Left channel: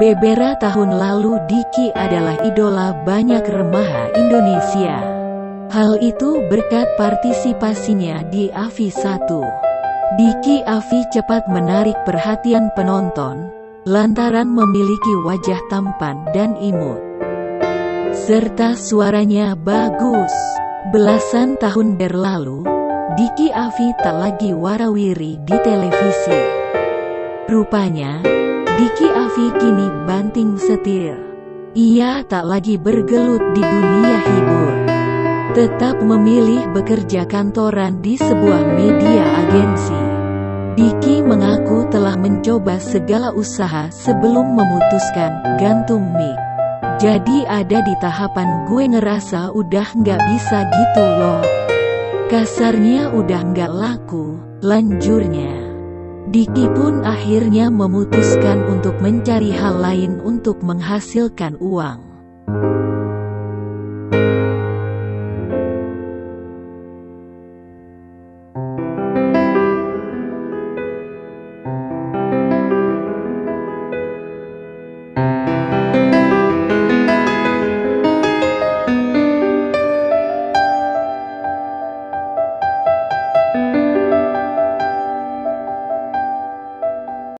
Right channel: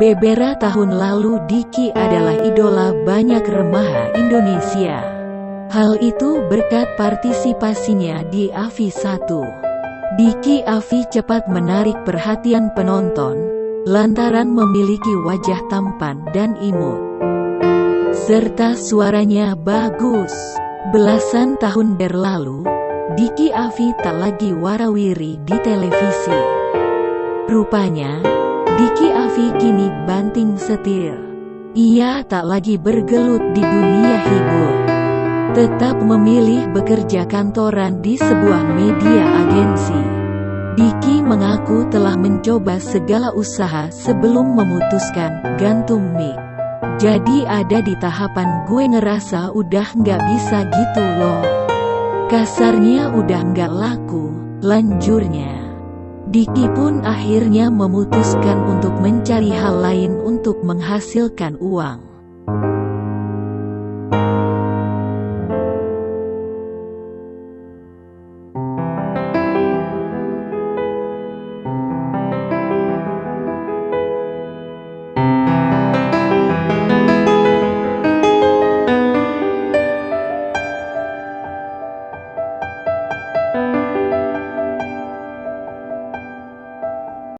Beberapa tahun lalu Diki adalah idola banyak remaja Indonesia. Hal itu berkat partisipasinya di AVI 1. Diki AVI cepat menarik perhatian penonton, lantaran memiliki wajah tampan dan imut. Serta suaranya bagus. Belasan tahun berlalu, Diki AVI tak lagi warawiri di televisi. Rupanya, Diki AVI kini banting setir. Ia tak lagi bergelut di dunia hibur. Tetap memilih bekerja kantoran di sebuah media agensi. Diki mengaku telah mencoba segala usaha sebelum memutuskan gantung mic. Jadi ada di tahapan gue ngerasa udah nggak bisa gitu loh. Kasarnya udah nggak laku, lanjurnya. Diki pun akhirnya memutuskan untuk mencari hal lain untuk menghasilkan uang.